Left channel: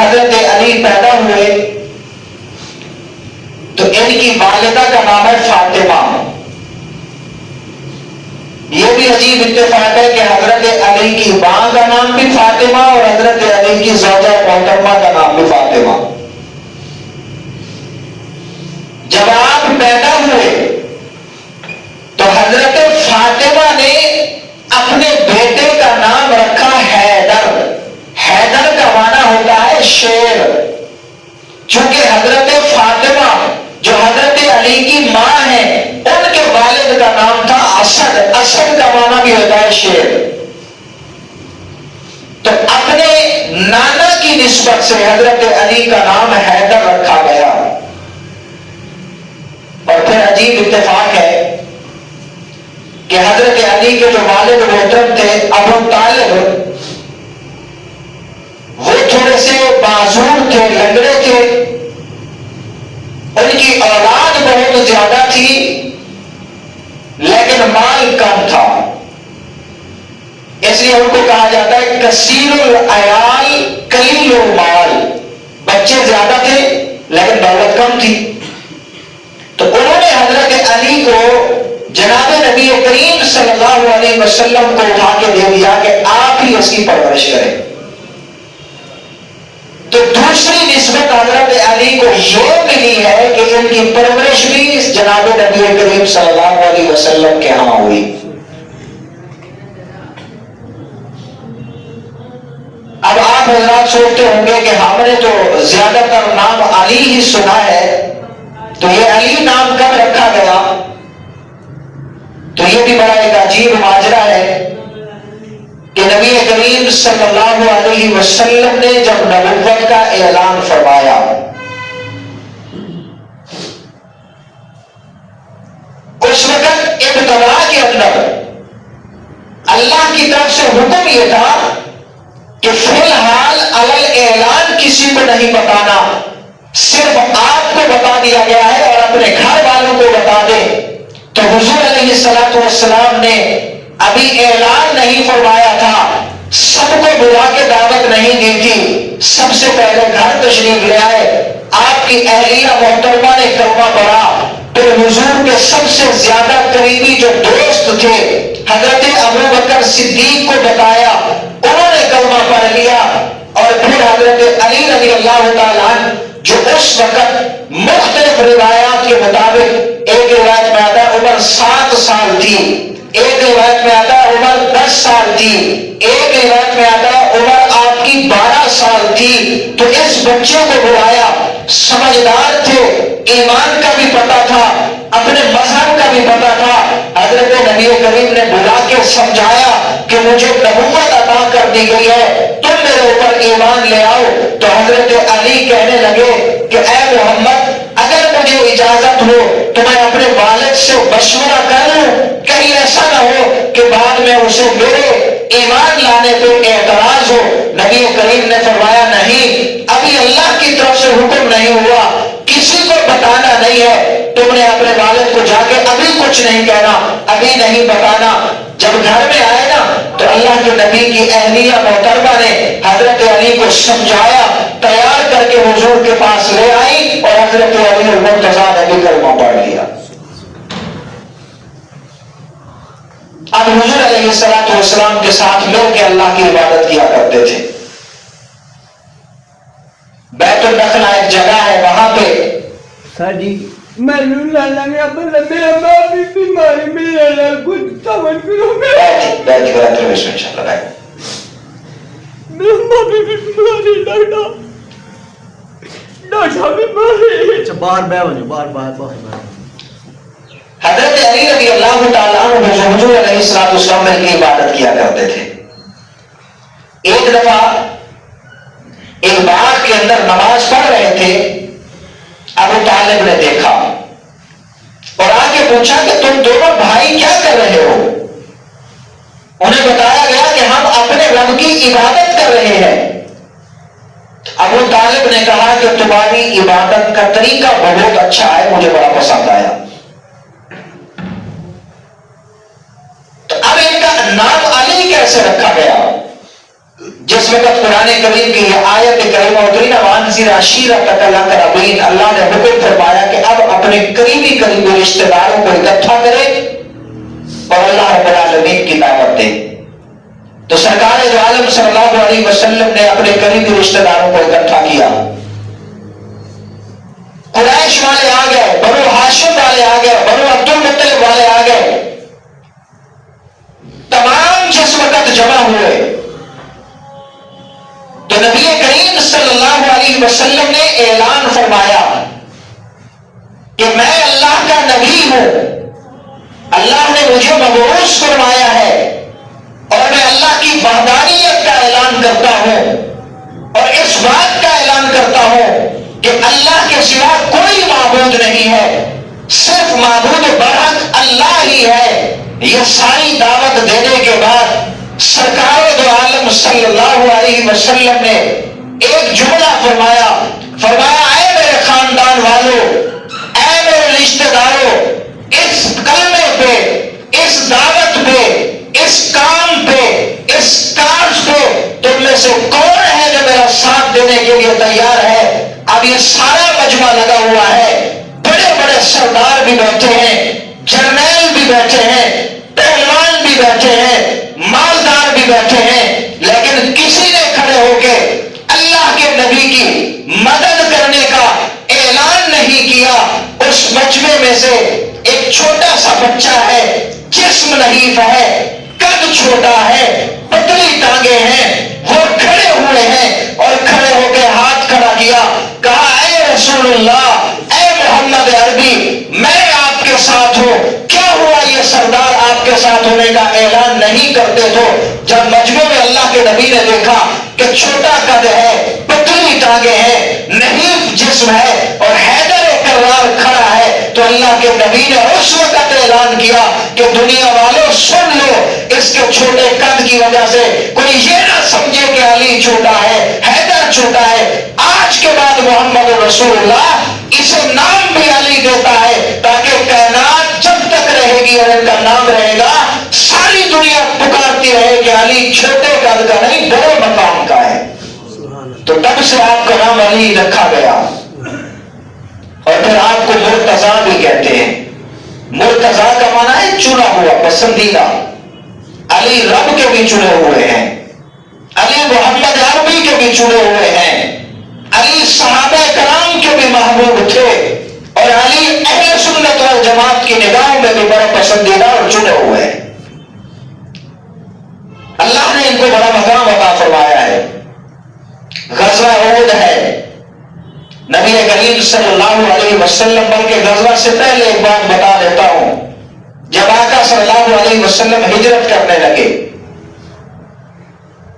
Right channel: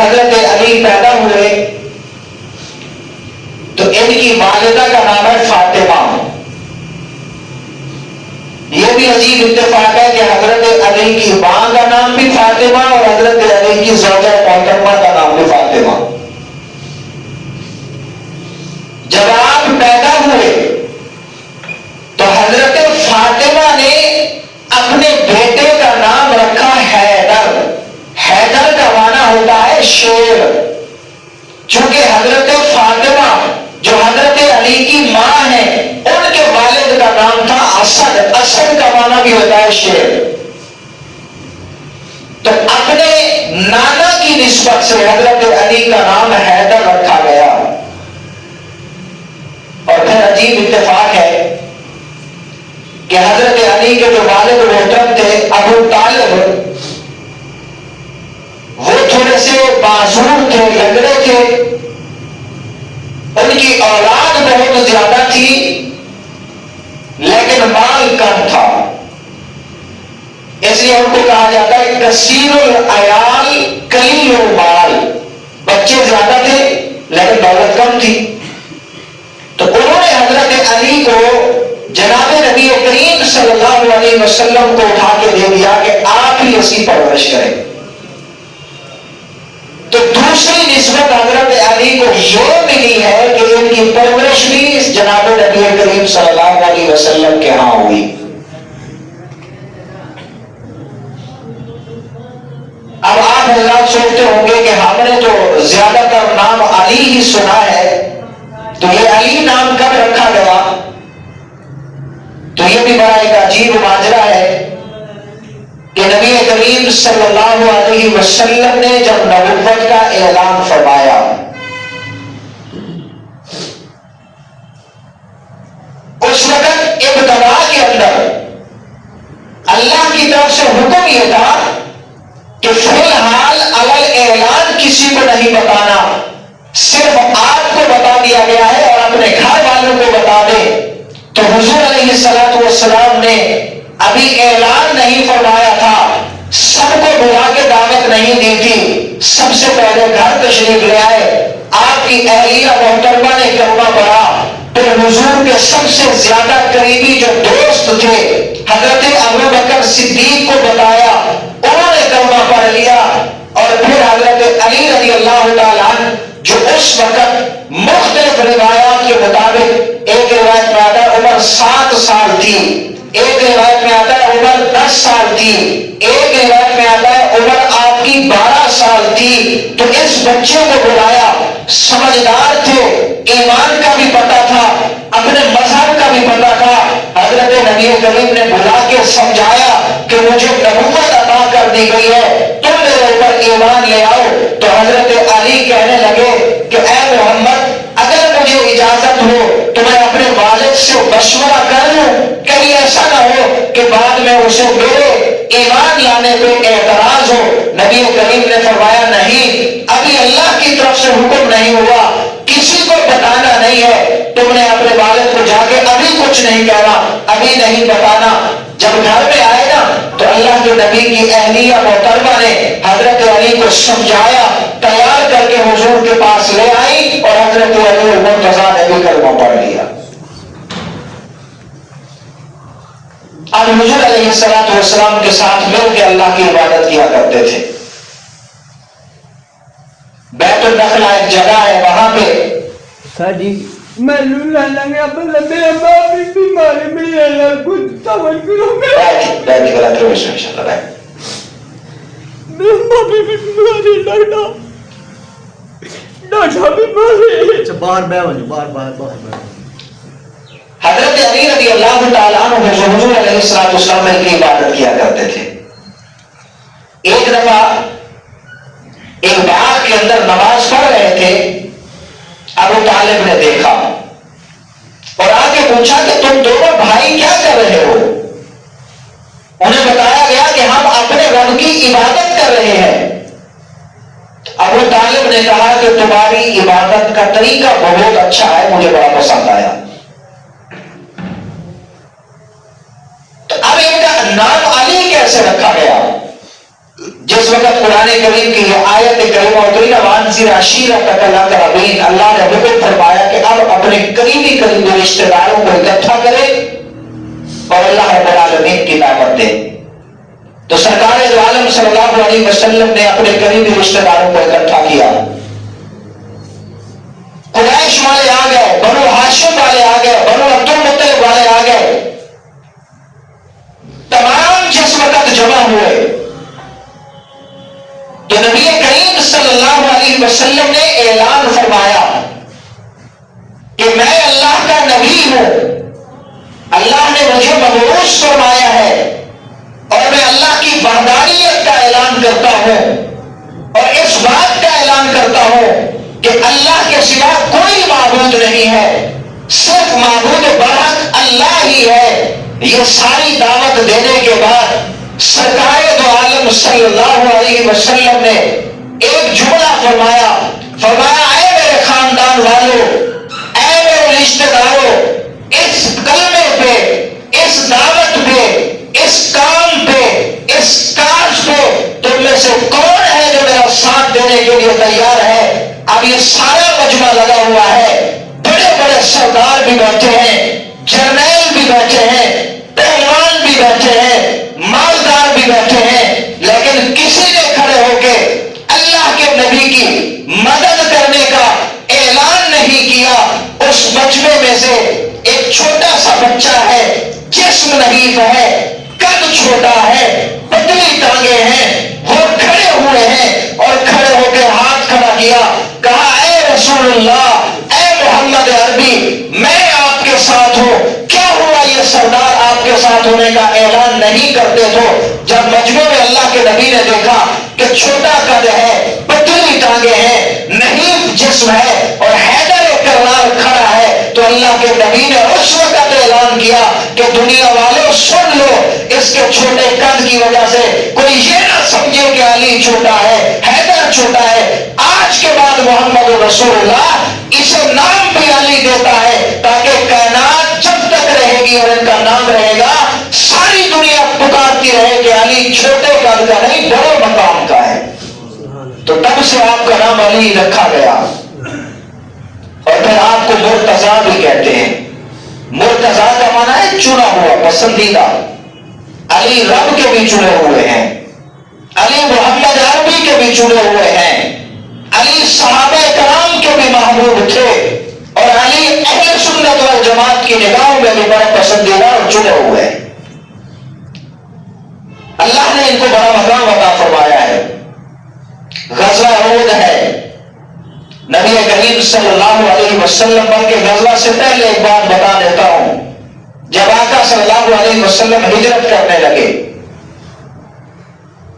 حضرت علی پیدا ہوئے تو ان کی والدہ کا نام ہے فاطمہ. یہ بھی عجیب اتفاق ہے کہ حضرت علی کی ماں کا نام بھی فاطمہ اور حضرت علی کی زوجہ محترمہ کا نام بھی فاطمہ. جب آپ پیدا ہوئے تو حضرت فاطمہ نے اپنے بیٹے کا نام رکھا حیدر. حیدر کا معنی ہوتا ہے شیر. چونکہ حضرت فاطمہ جو حضرت علی کی ماں ہے ان کے والد کا نام تھا اسد. اسد کا معنی بھی ہوتا ہے شیر. تو اپنے نانا کی نسبت سے حضرت علی کا نام حیدر رکھا گیا. اور پھر عجیب اتفاق ہے کہ حضرت علی کے جو والد محترم تھے ابو طالب وہ تھوڑے سے معذور تھے, لنگڑے تھے. ان کی اولاد بہت زیادہ تھی لیکن مال کم تھا. اس لیے ان کو کہا جاتا ہے کثیر العیال قلیل المال. بچے زیادہ تھے لیکن دولت کم تھی. تو انہوں نے حضرت علی کو جناب نبی کریم صلی اللہ علیہ وسلم کو اٹھا کے دے دیا کہ آپ ہی اس کی پرورش کریں. تو دوسری نسبت حضرت علی کو یہ ملی ہے کہ ان کی پرورش بھی جناب نبی کریم صلی اللہ علیہ وسلم کے ہاں ہوئی. اب آپ حضرات سوچتے ہوں گے کہ ہم نے تو زیادہ تر نام علی ہی سنا ہے, تو یہ علی نام کب رکھا گیا؟ تو یہ بھی بڑا ایک عجیب ماجرا ہے کہ نبی کریم صلی اللہ علیہ وسلم نے جب نبوت کا اعلان فرمایا اس وقت ابتدا کے اندر اللہ کی طرف سے حکم یہ تھا کہ فی الحال علل اعلان کسی کو نہیں بتانا, صرف آپ کو بتا دیا گیا ہے اور اپنے گھر والوں کو بتا دے. تو حضور علیہ الصلوۃ والسلام نے ابھی اعلان نہیں فرمایا تھا, سب کو بلا کے دعوت نہیں دی تھی. سب سے پہلے گھر تشریف لے آئے, آپ کی اہلیہ محترمہ نے کلمہ پڑھا. پھر حضور کے سب سے زیادہ قریبی جو دوست تھے حضرت ابوبکر صدیق کو بتایا, انہوں نے کلمہ پڑھ لیا. اور پھر حضرت علی رضی اللہ تعالیٰ عنہ جو اس وقت مختلف روایات کے مطابق, ایک روایت میں آتا ہے عمر 7 سال تھی, ایک روایت میں آتا ہے عمر 10 سال تھی, ایک روایت میں آتا ہے عمر آپ کی 12 سال تھی. تو اس بچے کو بلایا, سمجھدار تھے, ایمان کا بھی پتہ تھا, اپنے مذہب کا بھی پتہ تھا. حضرت نبی کریم نے بلا کے سمجھایا کہ مجھے نبوت عطا کر دی گئی ہے, تم میرے اوپر ایمان لے آؤ. تو حضرت علی کہنے لگے کہ اے محمد, اگر مجھے اجازت ہو تو میں اپنے والد سے مشورہ کر لوں, کہیں ایسا نہ ہو کہ بعد میں اسے میرے ایمان لانے پہ اعتراض ہو. نبی کریم نے فرمایا نہیں, ابھی اللہ کی طرف سے حکم نہیں ہوا, کسی کو بتانا نہیں ہے, تم نے اپنے والد کو جا کے ابھی کچھ نہیں کہنا, ابھی نہیں بتانا. جب گھر میں آئے نا تو اللہ کے نبی کی اہلیہ محترمہ نے حضرت علی کو سمجھایا, تیار کر کے حضور کے پاس لے آئی اور حضرت علی المرتضیٰ نے بھی کلمہ پڑھ لیا. اب حضور علیہ الصلوۃ والسلام کے ساتھ مل کے اللہ کی عبادت کیا کرتے تھے. بیت النخلا ایک جگہ ہے, وہاں پہ میں لگا میرا باپ بھی بیمار ہے, میرے اللہ کچھ تعاون کرو. بیٹھ کے رہتے ہوئے انشاء اللہ میرا باپ بھی بیمار ہے, ڈاکٹر بیمار ہے. اچھا باہر بہ ہو, باہر. حضرت علی رضی اللہ تعالیٰ عنہ جو حضور علیہ الصلوۃ والسلام کی عبادت کیا کرتے تھے. ایک دفعہ ایک باغ کے اندر نماز پڑھ رہے تھے, ابو طالب نے دیکھا اور آ کے پوچھا کہ تم دونوں بھائی کیا کر رہے ہو؟ انہیں بتایا گیا کہ ہم اپنے رب کی عبادت کر رہے ہیں. ابو طالب نے کہا کہ تمہاری عبادت کا طریقہ بہت اچھا ہے, مجھے بڑا پسند آیا. تو اب ان کا نام علی کیسے رکھا گیا؟ جس وقت قرآن کریم کی یہ آیت کریمہ اتری نا وانذر عشیرتک الاقربین، اللہ نے حکم فرمایا کہ اب اپنے قریبی رشتہ داروں کو اکٹھا کرے اور اللہ رب العالمین کی دعوت دے۔ تو سرکار دو عالم صلی اللہ علیہ وسلم نے اپنے قریبی رشتہ داروں کو اکٹھا کیا۔ قریش والے آ گئے، بنو ہاشم والے آ گئے، بنو عبد المطلب والے آ گئے، تمام جس وقت جمع ہوئے تو نبی کریم صلی اللہ علیہ وسلم نے اعلان فرمایا کہ میں اللہ کا نبی ہوں، اللہ نے مجھے مبعوث فرمایا ہے اور میں اللہ کی وحدانیت کا اعلان کرتا ہوں اور اس بات کا اعلان کرتا ہوں کہ اللہ کے سوا کوئی معبود نہیں ہے، صرف معبود برحق اللہ ہی ہے۔ یہ ساری دعوت دینے کے بعد سرکار دو عالم صلی اللہ علیہ وسلم نے ایک جملہ فرمایا، اے میرے خاندان والوں، اے میرے رشتہ داروں، اس کلمے پہ، اس دعوت پہ، اس کام پہ، اس کاج پہ تم میں سے کون ہے جو میرا ساتھ دینے کے لیے تیار ہے؟ اب یہ سارا مجمع لگا ہوا ہے، بڑے بڑے سردار بھی بیٹھے ہیں، جرنیل بھی بیٹھے ہیں، پہلوان بھی بیٹھے ہیں، مالدار بھی بیٹھے ہیں، لیکن کسی نے کھڑے ہو کے اللہ کے نبی کی مدد کرنے کا اعلان نہیں کیا۔ اس مجمع میں سے ایک چھوٹا سا بچہ ہے، جسم نحیف ہے، قد چھوٹا ہے، پتلی ٹانگیں ہیں، وہ کھڑے ہوئے ہیں اور کھڑے ہو کے ہاتھ کھڑا کیا، کہا اے رسول اللہ، اے محمد عربی، میں آپ کے ساتھ ہوں۔ کیا ہوا یہ سردار آپ کے ساتھ ہونے کا اعلان نہیں کرتے تو جب مجمع میں اللہ کے نبی نے دیکھا کہ چھوٹا قد ہے، پتلی ٹانگیں ہیں، نحیف جسم ہے اور حیدر کرار کھڑا ہے، تو اللہ کے نبی نے اس وقت اعلان کیا کہ دنیا والوں سن لو، اس کے چھوٹے قد کی وجہ سے کوئی یہ نہ سمجھے کہ علی چھوٹا ہے، حیدر چھوٹا ہے، آج کے بعد محمد رسول اللہ اسے نام بھی علی دیتا ہے تاکہ کائنات جب تک رہے گی اور ان کا نام رہے گا ساری دنیا پکارتی رہے کہ علی چھوٹے قد کا نہیں، بڑے مقام کا ہے۔ تو تب سے آپ کا نام علی رکھا گیا اور پھر آپ کو مرتضیٰ بھی کہتے ہیں۔ مرتضیٰ کا معنی ہے چنا ہوا، پسندیدہ۔ علی رب کے بھی چنے ہوئے ہیں، علی محمد عربی کے بھی چنے ہوئے ہیں، علی صحابہ کرام کے بھی محبوب تھے اور علی اہل سنت والجماعت کی نگاہوں میں بھی بڑا پسندیدہ اور چنے ہوئے ہیں۔ اللہ نے ان کو بڑا مقام عطا فرمایا ہے۔ غزوہ احد ہے، نبی کریم صلی اللہ علیہ وسلم بلکہ غزوہ سے پہلے ایک بات بتا دیتا ہوں۔ جب آقا صلی اللہ علیہ وسلم ہجرت کرنے لگے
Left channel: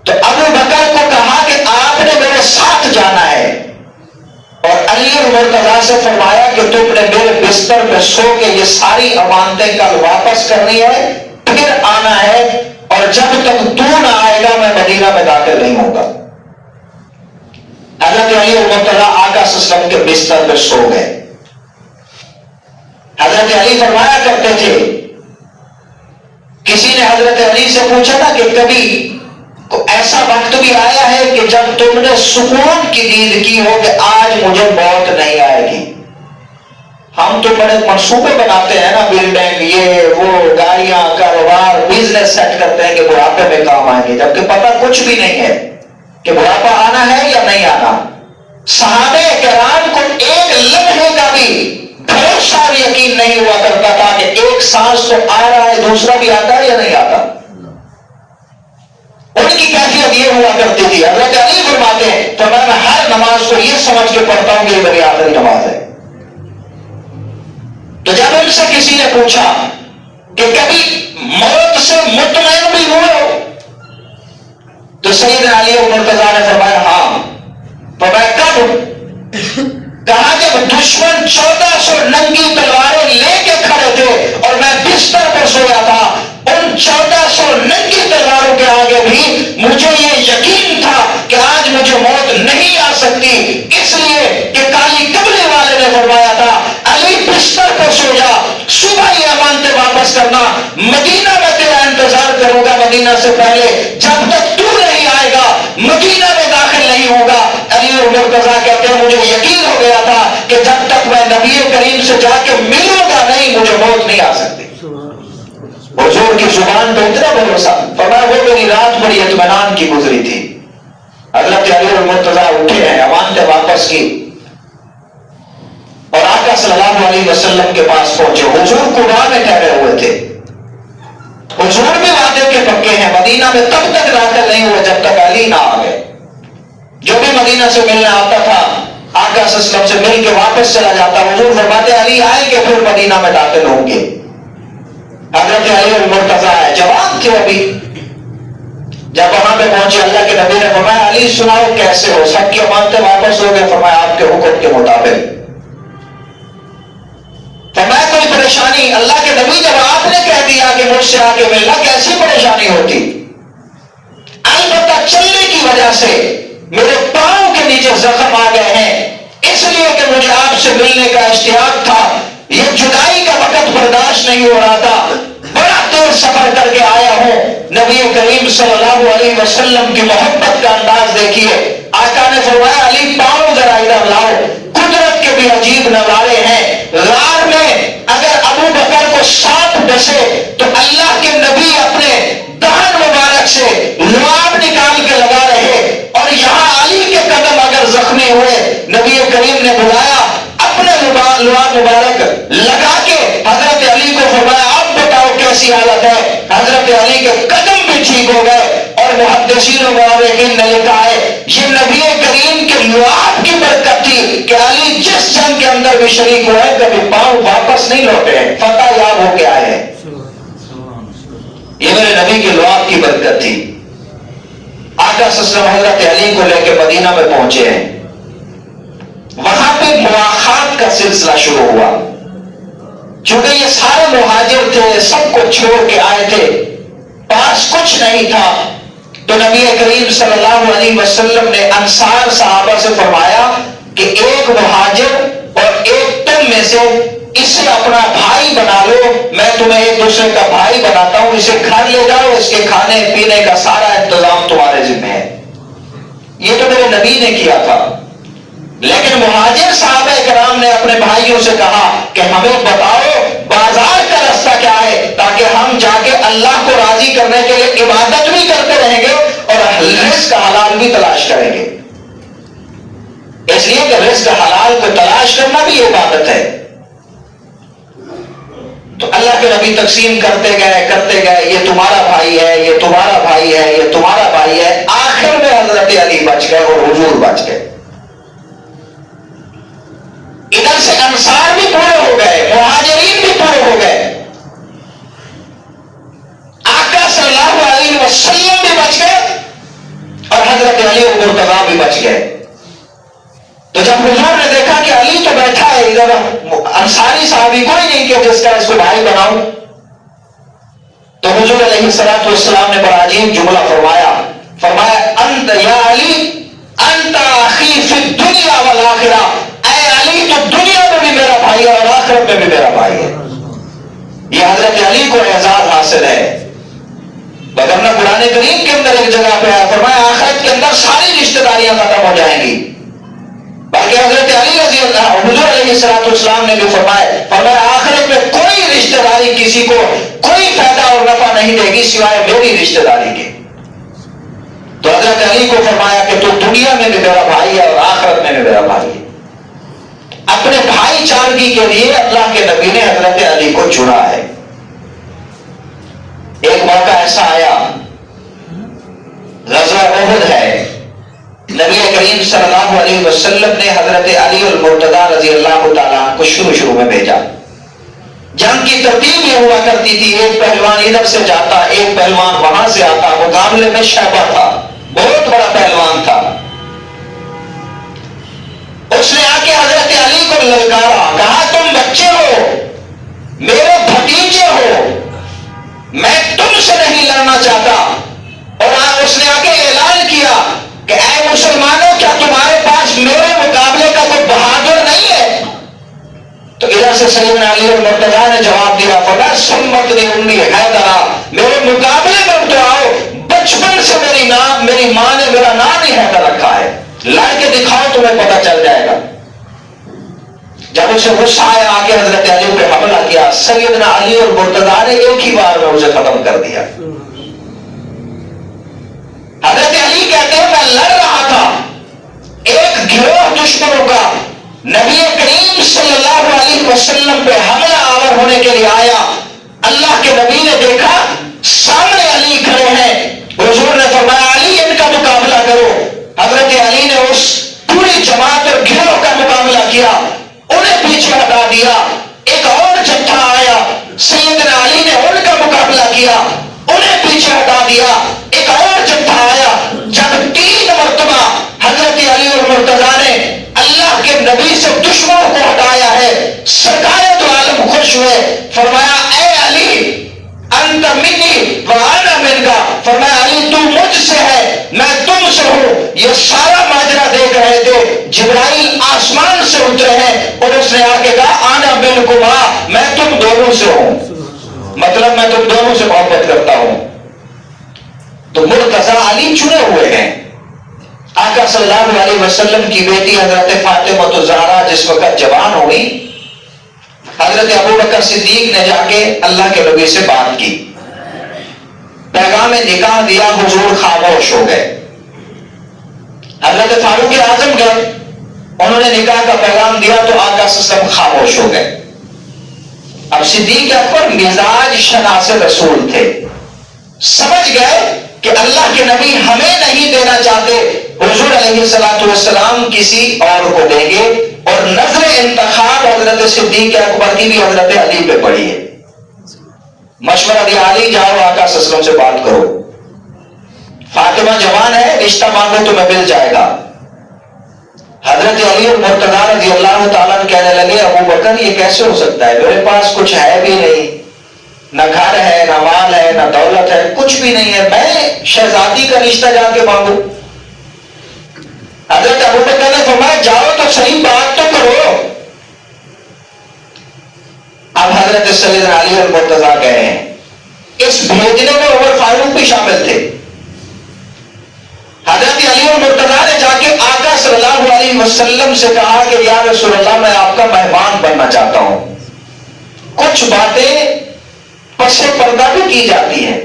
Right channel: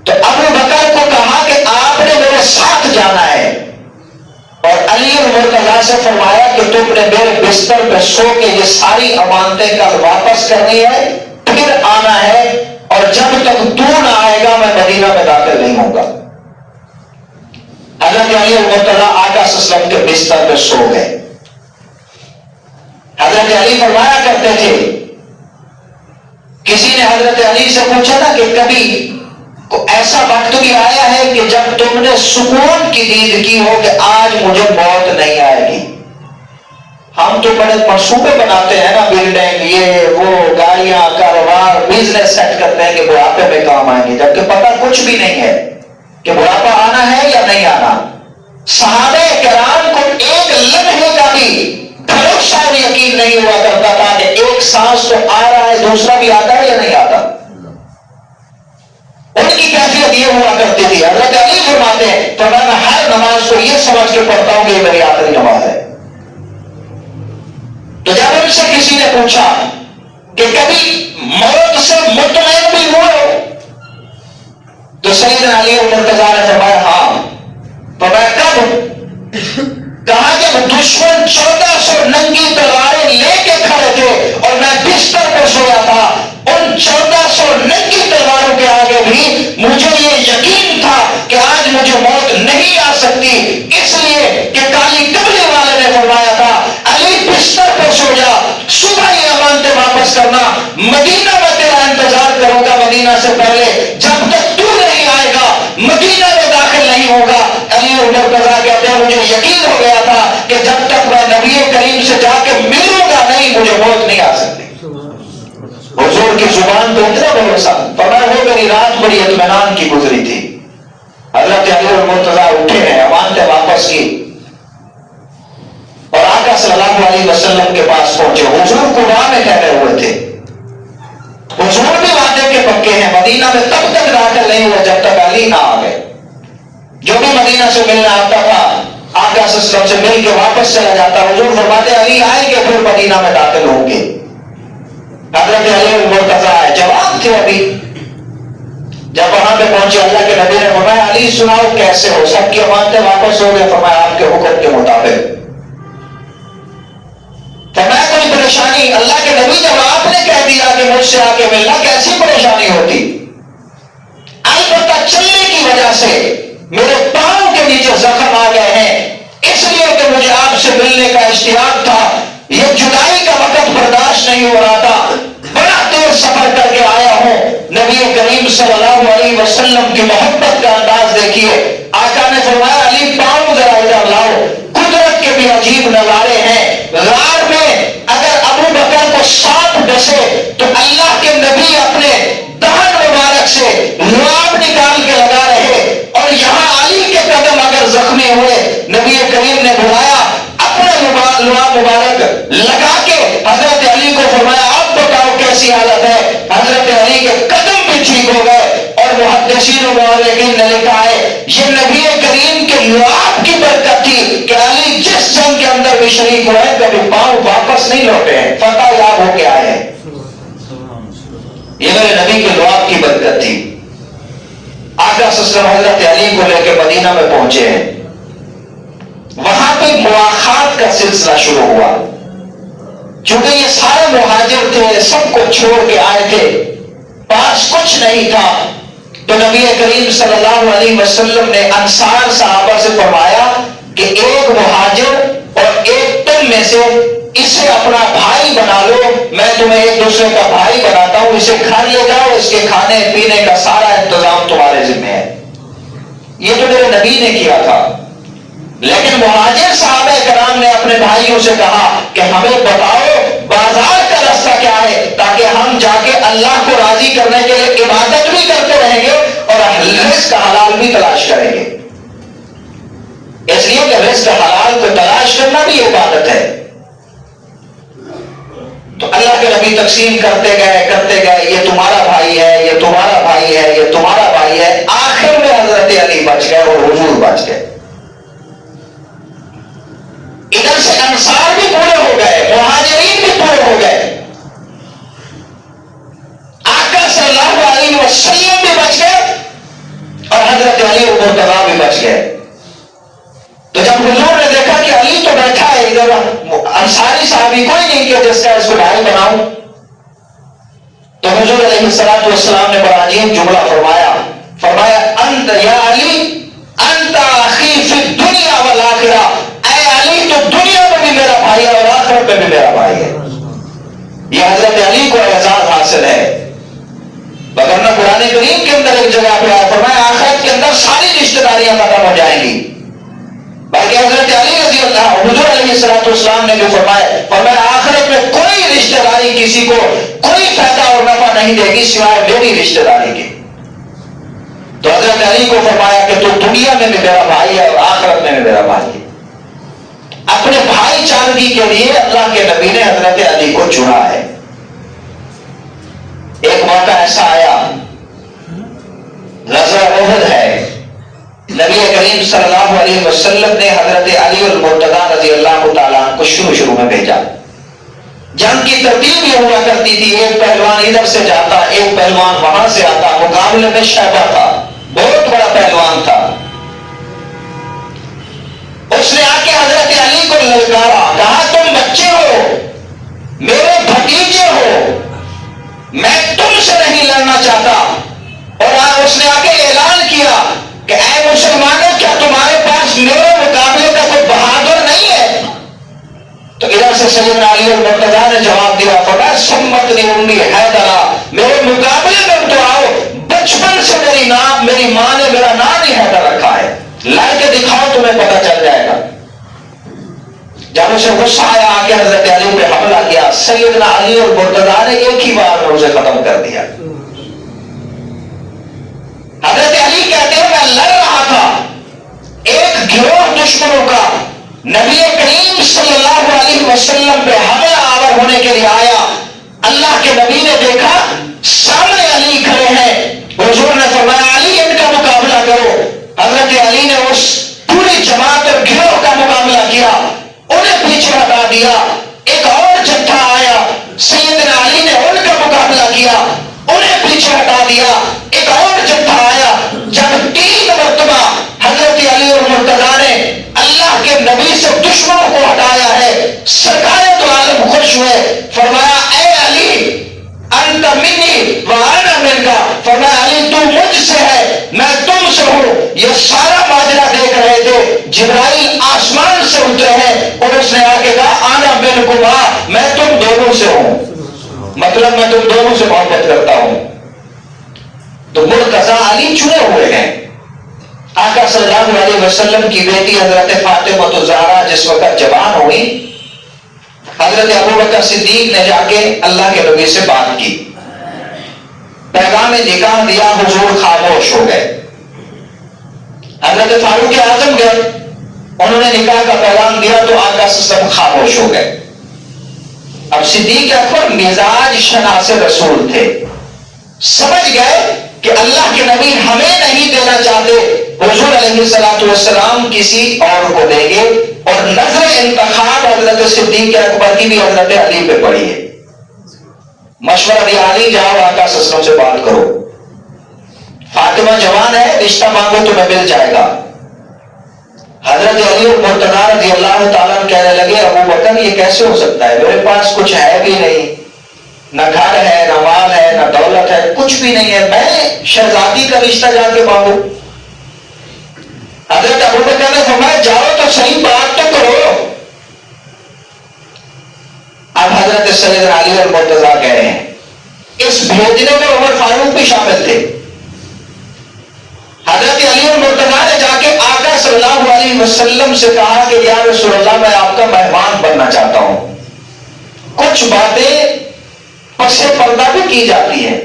تو ابو بکر کو کہا کہ آپ نے میرے ساتھ جانا ہے، اور علی اور مرتضیٰ سے فرمایا کہ تم نے میرے بستر پہ سو کے یہ ساری امانتیں کل واپس کرنی ہے، پھر آنا ہے، اور جب تک تو نہ آئے گا میں مدینہ میں داخل نہیں ہوگا۔ حضرت علی اور مرتضیٰ آقا صلی اللہ علیہ وسلم کے بستر پہ سو گئے۔ حضرت علی فرمایا کرتے تھے، کسی نے حضرت علی سے پوچھا نا کہ کبھی ایسا وقت بھی آیا ہے کہ جب تم نے سکون کی دید کی ہو کہ آج مجھے موت نہیں آئے گی؟ ہم تو بڑے منصوبے بناتے ہیں نا، بلڈنگ، یہ وہ، گاڑیاں، کاروبار، بزنس سیٹ کرتے ہیں کہ بڑھاپے میں کام آئیں گے، جبکہ پتہ کچھ بھی نہیں ہے کہ بڑھاپا آنا ہے یا نہیں آنا۔ صحابہ کرام کو ایک لمحے کا بھی بھروسہ اور یقین نہیں ہوا کرتا تھا کہ ایک سانس تو آ رہا ہے، دوسرا بھی آتا ہے یا نہیں آتا۔ ان کی کیفیت یہ ہوا کرتی تھی۔ حضرت علی فرماتے ہیں تو میں ہر نماز کو یہ سمجھ کے پڑھتا ہوں کہ یہ میری آخری نماز ہے۔ تو جب ان سے کسی نے پوچھا کہ کبھی موت سے مطمئن بھی ہوئے ہو، تو سیدنا علی اور مرتضیٰ نے فرمایا ہاں۔ فرمایا کب؟ کہا جب دشمن 1400 ننگی تلواریں لے کے کھڑے تھے اور میں بستر پہ سویا تھا، ان 1400 ننگی تلواروں کے آگے بھی مجھے یہ یقین تھا کہ آج مجھے موت نہیں آ سکتی، اس لیے کہ کالی قبلی والے نے فرمایا تھا علی بستر پہ سو جا، صبح یہ امانتیں واپس کرنا، مدینہ میں تیرا انتظار کروں گا، مدینہ سے پہلے جب تک تو نہیں آئے گا مدینہ میں داخل نہیں ہوگا. علی اور مرتضیٰ کہتے ہیں مجھے یقین ہو گیا تھا کہ جب تک میں نبی کریم سے جا کے ملوں گا نہیں مجھے موت نہیں آ سکتی. حضور کی زبان پہ اتنا بھروسہ. فرمایا وہ میری رات بڑی اطمینان کی گزری تھی. حضرت علی اور مرتضیٰ اٹھے ہیں, امانتیں واپس کی اور آقا صلی اللہ علیہ وسلم کے پاس پہنچے. حضور قباء میں ٹھہرے ہوئے تھے. حضور بھی وعدے کے پکے ہیں, مدینہ میں تب تک داخل نہیں ہوئے جب تک علی نہ آ گئے. جو بھی مدینہ سے ملنے آتا تھا آقا صلی اللہ علیہ وسلم سے مل کے واپس چلا جاتا. حضور فرماتے علی آئیں گے پھر مدینہ میں داخل ہوں گے. حضرت علی اور مرتضیٰ آئے, جواب تھے ابھی. جب وہاں پہ پہنچے اللہ کے نبی نے فرمایا علی سناؤ کیسے ہو, سب کی امانتیں واپس ہو گئے. فرمایا آپ کے حکم کے مطابق. فرمایا کوئی پریشانی؟ اللہ کے نبی جب آپ نے کہہ دیا کہ مجھ سے آ کے ملنا کیسی پریشانی ہوتی؟ البتہ چلنے کی وجہ سے میرے پاؤں کے نیچے زخم آ گئے ہیں, اس لیے کہ مجھے آپ سے ملنے کا اشتیاق تھا. یہ جدائی کا وقت برداشت نہیں ہو رہا تھا. بڑا دیر سفر کر کے آیا ہوں. نبی کریم صلی اللہ علیہ وسلم کی محبت کا انداز دیکھیے. آقا نے فرمایا علی پاؤں ذرا ادھر لاؤ. قدرت کے بھی عجیب نظارے ہیں. غار میں اگر ابو بکر کو سانپ ڈسے تو اللہ کے نبی اپنے دہن مبارک سے لعاب نکال کے لگا رہے, اور یہاں علی کے قدم اگر زخمی ہوئے نبی کریم نے بلایا اپنے لعاب مبارک لگا کے حضرت علی کو فرمایا اب بتاؤ کیسی حالت ہے. حضرت علی کے قدم بھی ٹھیک ہو گئے. اور محدثین و مورخین نے لکھا ہے یہ نبی کریم کے لعاب کی برکت تھی کہ علی جس جنگ کے اندر بھی شریک ہوئے کبھی پاؤں واپس نہیں لوٹے ہیں, فتح یاب ہو کے آئے ہیں. یہ میرے نبی کے لعاب کی برکت تھی. آقا صلی اللہ علیہ وسلم حضرت علی کو لے کے مدینہ میں پہنچے ہیں. وہاں پہ مواخات کا سلسلہ شروع ہوا. چونکہ یہ سارے مہاجر تھے, سب کو چھوڑ کے آئے تھے, پاس کچھ نہیں تھا. تو نبی کریم صلی اللہ علیہ وسلم نے انصار صحابہ سے فرمایا کہ ایک مہاجر اور ایک تم میں سے اسے اپنا بھائی بنا لو, میں تمہیں ایک دوسرے کا بھائی بناتا ہوں. اسے گھر لے جاؤ, اس کے کھانے پینے کا سارا انتظام تمہارے ذمہ ہے. یہ تو میرے نبی نے کیا تھا. لیکن مہاجر صحابہ کرام نے اپنے بھائیوں سے کہا کہ ہمیں بتاؤ بازار کا راستہ کیا ہے تاکہ ہم جا کے اللہ کو راضی کرنے کے لیے عبادت بھی کرتے رہیں گے اور رزق حلال بھی تلاش کریں گے. اس لیے کہ رزق حلال کو تلاش کرنا بھی عبادت ہے. تو اللہ کے نبی تقسیم کرتے گئے یہ تمہارا بھائی ہے, یہ تمہارا بھائی ہے, یہ تمہارا بھائی ہے. آخر میں حضرت علی بچ گئے اور حضور بچ گئے. ادھر سے انصار بھی پورے ہو گئے, مہاجرین بھی پورے ہو گئے, آقا صلی اللہ علیہ وسلم بھی بچ گئے اور حضرت علی اور مرتضیٰ بھی بچ گئے. تو جب حضور نے دیکھا کہ علی تو بیٹھا ہے ادھر, انصاری صحابی کوئی نہیں کہ جس کا اس کو بھائی بناؤں, تو حضور علیہ الصلوۃ والسلام نے بڑا عجیب جملہ فرمایا انت یا علی انت اخی فی الدنیا والآخرہ, اے علی تو دنیا میں بھی میرا بھائی ہے اور آخرت میں بھی میرا بھائی ہے. یہ حضرت علی کو اعزاز حاصل ہے. وگرنہ قرآن کریم کے اندر ایک جگہ پہ ہے فرمایا آخرت کے اندر ساری رشتہ داریاں ختم ہو جائیں گی. بلکہ حضرت علی رضی اللہ حضور علیہ الصلوۃ والسلام نے جو فرمایا آخرت میں کوئی رشتہ داری کسی کو کوئی فائدہ اور نفع نہیں دے گی سوائے میری رشتہ داری کے. تو حضرت علی کو فرمایا کہ تو دنیا میں بھی میرا بھائی ہے اور آخرت میں بھی میرا بھائی ہے. اپنے بھائی چارگی کے لیے اللہ کے نبی نے حضرت علی کو چنا ہے. ایک موقع ایسا آیا, غزوہ احد ہے, نبی کریم صلی اللہ علیہ وسلم نے حضرت علی اور مرتضیٰ رضی اللہ تعالیٰ کو شروع میں بھیجا. جنگ کی ترتیب یہ ہوا کرتی تھی, ایک پہلوان ادھر سے جاتا, ایک پہلوان وہاں سے آتا. مقابلے میں شیبہ تھا, بہت بڑا پہلوان تھا. اس نے آ کے حضرت علی کو للکارا, کہا تم بچے ہو, میرے بھتیجے ہو, میں تم سے نہیں لڑنا چاہتا. اور اس نے آ کے اعلان کیا کہ اے مسلمانوں کیا تمہارے پاس میرے مقابلے کا کوئی بہادر نہیں ہے؟ تو ادھر سے سیدنا علی اور مرتضیٰ نے جواب دیا فرمایا سمت نہیں ہوں گی حیدرا, میرے مقابلے میں تو آؤ, بچپن سے میری نام میری ماں نے میرا نام ہی حیدر رکھا ہے، لا کے دکھاؤ تمہیں پتہ چل جائے گا۔ جب اسے غصہ آیا آگے حضرت علی پہ حملہ کیا، سیدنا علی اور مرتضیٰ نے ایک ہی بار میں اسے ختم کر دیا۔ حضرت علی کہتے ہیں میں لڑ رہا تھا ایک گروہ دشمنوں کا، نبی کریم صلی اللہ علیہ وسلم پہ حملہ آور ہونے کے لیے آیا، اللہ کے نبی نے دیکھا سامنے علی کھڑے ہیں، حضور نے فرمایا علی ان کا مقابلہ کرو۔ حضرت علی نے اس پوری جماعت اور گروہ کا مقابلہ کیا، انہیں پیچھے ہٹا دیا۔ ایک اور جتھا آیا، سیدنا علی نے ان کا مقابلہ کیا، انہیں پیچھے ہٹا دیا۔ ایک اور جتھا آیا، جب 3 مرتبہ حضرت علی اور مرتضیٰ نے اللہ کے نبی سے دشمنوں کو ہٹایا ہے، سرکار دو عالم خوش ہوئے، فرمایا اے علی انت منی وانا منکا، فرمایا علی تو مجھ سے ہے میں تم سے ہوں۔ یہ سارا ماجرا دیکھ رہے تھے، جبرائیل آسمان سے اترے ہیں اور اس نے آگے کہا آنا منکما، میں تم دونوں سے ہوں، مطلب میں تم دونوں سے محبت کرتا ہوں۔ تو مرتضیٰ علی چنے ہوئے ہیں۔ آقا صلی اللہ علیہ وسلم کی بیٹی حضرت فاطمہ الزہرا جس وقت جوان ہوئی، حضرت ابوبکر صدیق نے جا کے اللہ کے نبی سے بات کی، پیغام نکاح دیا، حضور خاموش ہو گئے۔ حضرت فاروق اعظم گئے، انہوں نے نکاح کا پیغام دیا تو آقا صلی اللہ علیہ وسلم خاموش ہو گئے۔ اب صدیق اکبر مزاج شناس رسول تھے، سمجھ گئے کہ اللہ کے نبی ہمیں نہیں دینا چاہتے، حضور علیہ السلام کسی اور کو دیں گے، اور نظر انتخاب حضرت صدیق اکبر کی بھی حضرت علی پہ پڑی ہے۔ مشورہ دیا علی جاؤ آقا صلی اللہ علیہ وسلم سے بات کرو، فاطمہ جوان ہے، رشتہ مانگو تمہیں مل جائے گا۔ حضرت علی اور مرتضیٰ رضی اللہ تعالیٰ کہنے لگے ابوبکر یہ کیسے ہو سکتا ہے، میرے پاس کچھ ہے بھی نہیں، نہ گھر ہے نہ مال ہے نہ دولت ہے، کچھ بھی نہیں ہے، میں شہزادی کا رشتہ جا کے مانگوں؟ حضرت ابوبکر نے فرمایا جاؤ تو صحیح بات تو کرو۔ اب حضرت سیدنا علی اور مرتضیٰ گئے ہیں، اس بھیجنے میں عمر فاروق بھی شامل تھے۔ حضرت علی اور مرتضیٰ نے جا کے آقا صلی اللہ علیہ وسلم سے کہا کہ یا رسول اللہ میں آپ کا مہمان بننا چاہتا ہوں۔ کچھ باتیں پس پردہ بھی کی جاتی ہیں،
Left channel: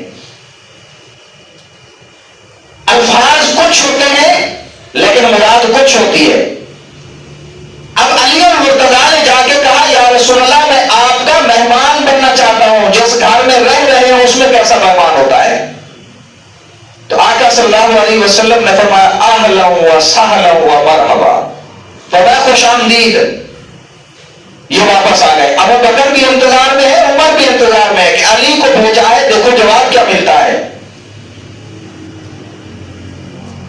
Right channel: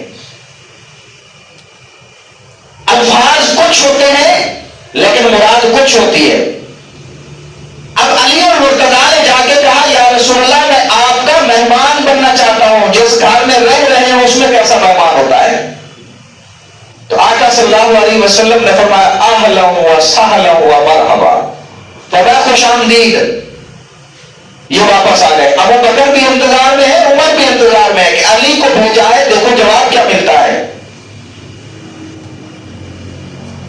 الفاظ کچھ ہوتے ہیں لیکن مراد کچھ ہوتی ہے۔ اب علی اور مرتضیٰ نے جا کے کہا یا رسول اللہ میں آپ کا مہمان بننا چاہتا ہوں، جس گھر میں رہ رہے ہیں اس میں کیسا مہمان ہوتا ہے؟ تو آقا صلی اللہ علیہ وسلم نے فرمایا اہلا و سہلا و مرحبا، فرمایا خوش آمدید۔ یہ واپس آ گئے، ابو بکر بھی انتظار میں ہے، عمر بھی انتظار میں ہے کہ علی کو بھیجا ہے، دیکھو جواب کیا ملتا ہے۔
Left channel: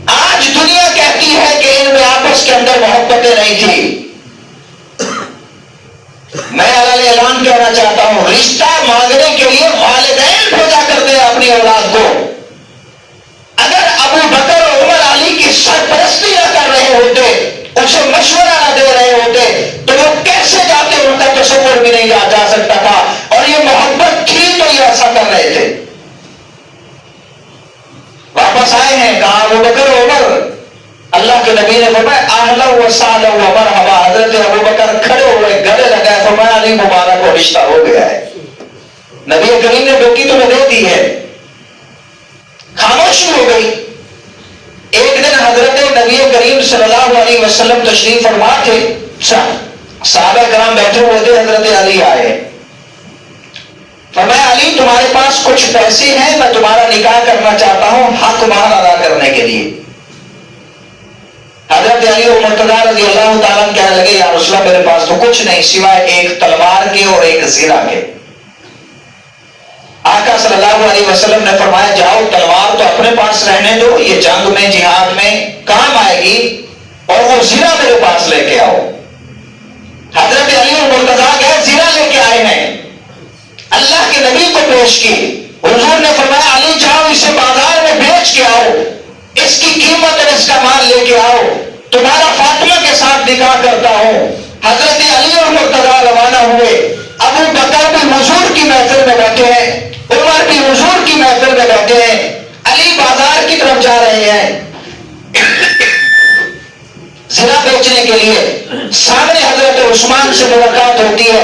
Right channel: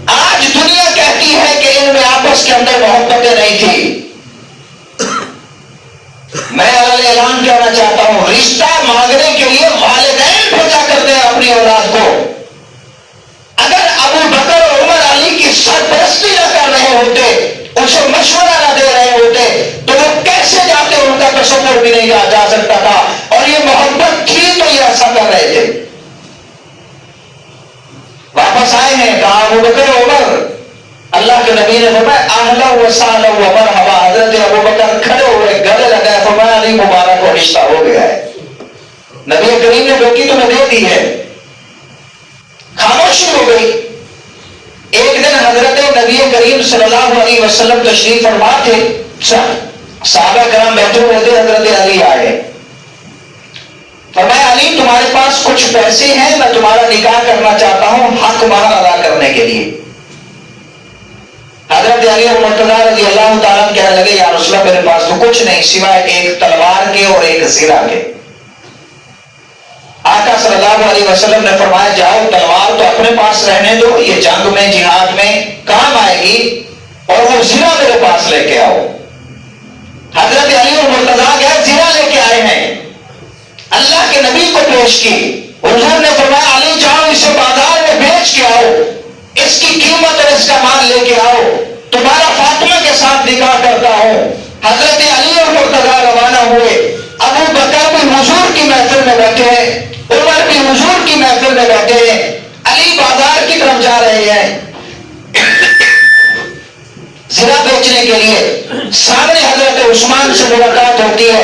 آج دنیا کہتی ہے کہ ان میں آپس کے اندر محبتیں نہیں تھی، میں اعلان کہنا چاہتا ہوں رشتہ مانگنے کے لیے والدین بھیجا کرتے ہیں اپنی اولاد کو۔ اگر ابو بکر اور عمر علی کی سرپرستی نہ کر رہے ہوتے، اسے مشورہ نہ دے رہے ہوتے تو وہ کیسے جاتے، ان کا تصور بھی نہیں جا سکتا تھا، اور یہ محبت تھی تو یہ ایسا کر رہے تھے۔ واپس آئے ہیں، کہا ابو بکر عمر، اللہ کے نبی نے فرمایا اہلا و سہلا و مرحبا۔ حضرت ابو بکر کھڑے ہوئے، گلے لگائے، فرمایا علی مبارک کو رشتہ ہو گیا ہے، نبی کریم نے بیٹی تمہیں دے دی ہے۔ خاموشی ہو گئی۔ ایک دن حضرت نبی کریم صلی اللہ علیہ وسلم تشریف فرما تھے، صحابہ کرام بیٹھے ہوئے تھے، حضرت علی آئے، فرمایا علی تمہارے پاس کچھ پیسے ہیں، میں تمہارا نکاح کرنا چاہتا ہوں حق مہر ادا کرنے کے لیے۔ حضرت علی اور مرتضیٰ رضی اللہ تعالیٰ کہنے لگے یا رسول اللہ میرے پاس تو کچھ نہیں سوائے ایک تلوار کے اور ایک زیرہ کے۔ آقا صلی اللہ علیہ وسلم نے فرمایا جاؤ تلوار تو اپنے پاس رہنے دو، یہ جنگ میں جہاد میں کام آئے گی، اور وہ زیرہ میرے پاس لے کے آؤ۔ حضرت علی اور مرتضیٰ گئے، زیرہ لے کے آئے ہیں، اللہ کے نبی کو پیش کی۔ حضور نے فرمایا علی جاؤ اسے بازار میں بیچ کے آؤ، اس کی قیمت اور اس کا مال لے کے آؤ، تمہارا فاطمہ کے ساتھ نکاح کرتا ہوں۔ حضرت علی اور مرتضیٰ روانہ ہوئے، ابو بکر بھی حضور کی محفل میں بیٹھے ہیں، عمر بھی حضور کی محفل میں بیٹھے ہیں۔ علی بازار کی طرف جا رہے ہیں زنا بیچنے کے لیے. سامنے حضرت عثمان سے ملاقات ہوتی ہے.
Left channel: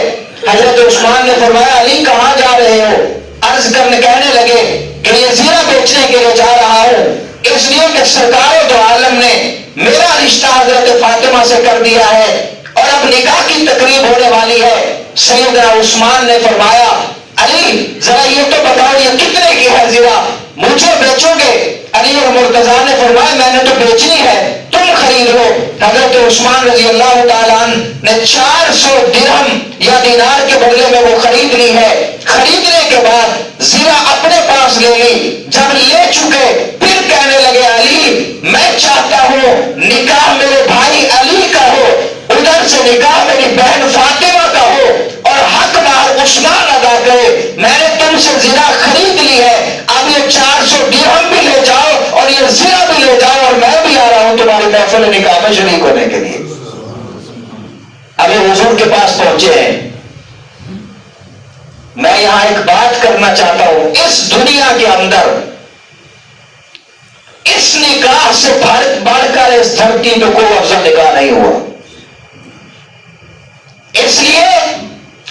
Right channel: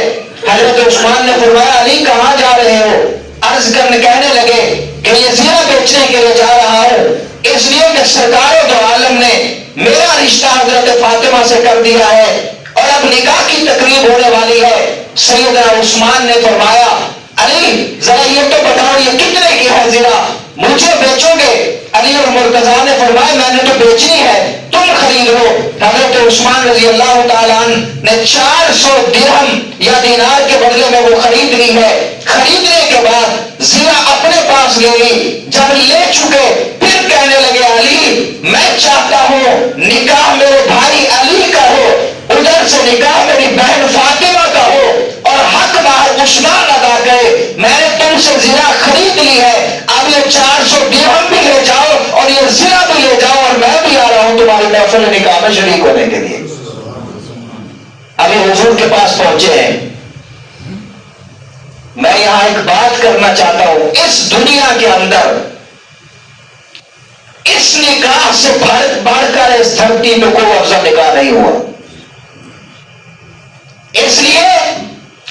حضرت عثمان نے فرمایا علی کہاں جا رہے ہو؟ عرض کرنے کہنے لگے کہ یہ زنا بیچنے کے لیے جا رہا ہوں اس لیے کہ سرکار دو عالم نے میرا رشتہ حضرت فاطمہ سے کر دیا ہے اور اب نکاح کی تقریب ہونے والی ہے. سیدنا عثمان نے فرمایا علی ذرا یہ تو بتاؤ یہ کتنے کی ہے زنا؟ مجھے بیچو گے؟ علی اور مرتضیٰ نے فرمایا میں نے تو بیچنی ہے تم خرید لو. حضرت عثمان رضی اللہ تعالیٰ عنہ نے 400 درہم یا دینار کے بدلے میں وہ خرید لی ہے. خریدنے کے بعد زنا اپنے پاس لے لی. جب لے چکے پھر کہنے لگے علی میں چاہتا ہوں نکاح میرے بھائی علی کا ہو, ادھر سے نکاح میری بہن فاطمہ کا ہو اور حق باہر عثمان ادا کرے. میں نے تم سے زنا خرید لی ہے, اب یہ 400 درہم بھی لے جاؤ اور یہ زنا بھی لے جاؤ اور میں بھی آ رہا ہوں تمہاری محفل نکاح میں شریک ہونے کے لیے. ابھی حضور کے پاس پہنچے ہیں. میں یہاں ایک بات کرنا چاہتا ہوں, اس دنیا کے اندر اس نکاح سے بڑھ کر اس دھرتی میں کوئی افضل نکاح نہیں ہوا. اس لیے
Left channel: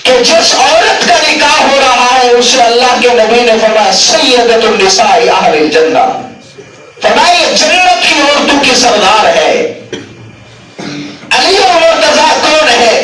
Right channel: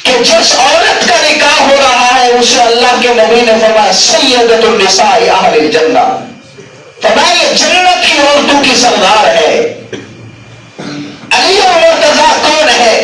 کہ جس عورت کا نکاح ہو رہا ہے اسے اللہ کے نبی نے فرمایا سیدۃ النساء اہل الجنہ, فرمایا یہ جنت کی عورتوں کی سردار ہے. علی اور مرتضیٰ کون ہے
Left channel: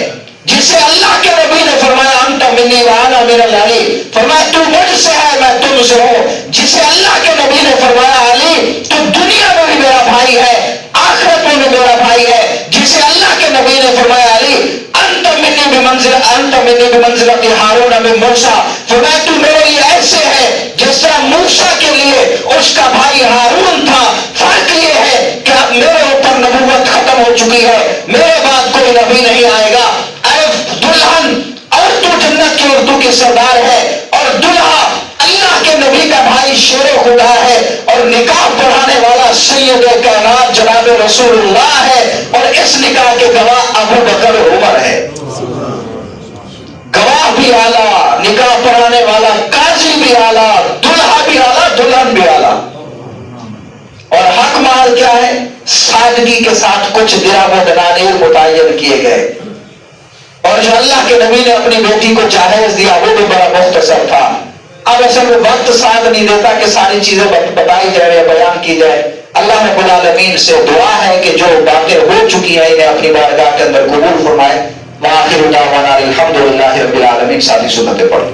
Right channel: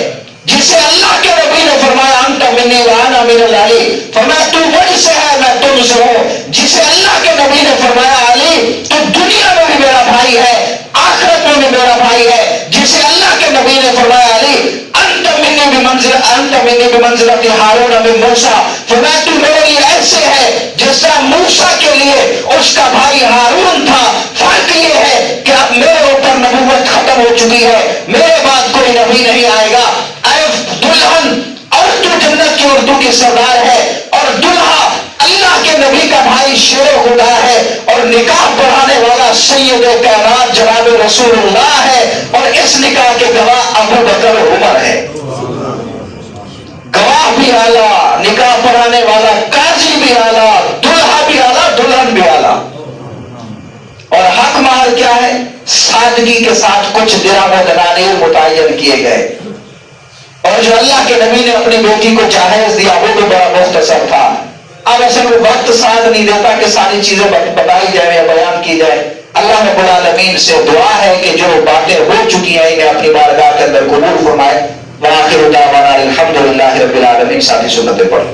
جسے اللہ کے نبی نے فرمایا انت منی وانا من علی, فرمایا تو مجھ سے ہے میں تم سے ہوں. جسے اللہ کے نبی نے فرمایا علی تو دنیا میں بھی میرا بھائی ہے آخرت میں بھی میرا بھائی ہے. جسے اللہ کے نبی نے فرمایا علی انت منی بمنزلۃ ہارون من موسیٰ, فرمایا تو میرے لیے ایسے ہے جس طرح موسیٰ کے لیے اس کا بھائی ہارون تھا. فرق یہ ہے کہ اب میرے اوپر نبوت ختم ہو چکی ہے, میرے بعد کوئی نبی نہیں آئے گا. اے دلہن اور تو جنت کی عورتوں کی سردار ہے اور دلہا اللہ کے نبی کا بھائی شیر خدا ہے اور نکاح پڑھانے والا سید کائنات جناب رسول اللہ ہے اور اس نکاح کے گواہ ابو بکر عمر ہے. گواہ بھی اعلیٰ, نکاح پڑھانے والا قاضی بھی اعلیٰ, دلہا بھی اعلیٰ, دلہن بھی اعلیٰ. اور حق مال کیا ہے؟ سادگی کے ساتھ کچھ درہم و دنانیر متعین کیے گئے. اور جو اللہ کے نبی نے اپنی بیٹی کو جہیز دیا وہ تو بڑا مختصر تھا. اب اصل وہ وقت ساتھ نہیں دیتا کہ ساری چیزیں بتائی جائے یا بیان کی جائے. اللہ رب العالمین سے دعا ہے کہ جو باتیں ہو چکی ہیں انہیں اپنی بارگاہ کے اندر قبول فرمائے. وآخر دعوانا الحمدللہ رب العالمین. ساتھی سنتیں پڑھیں.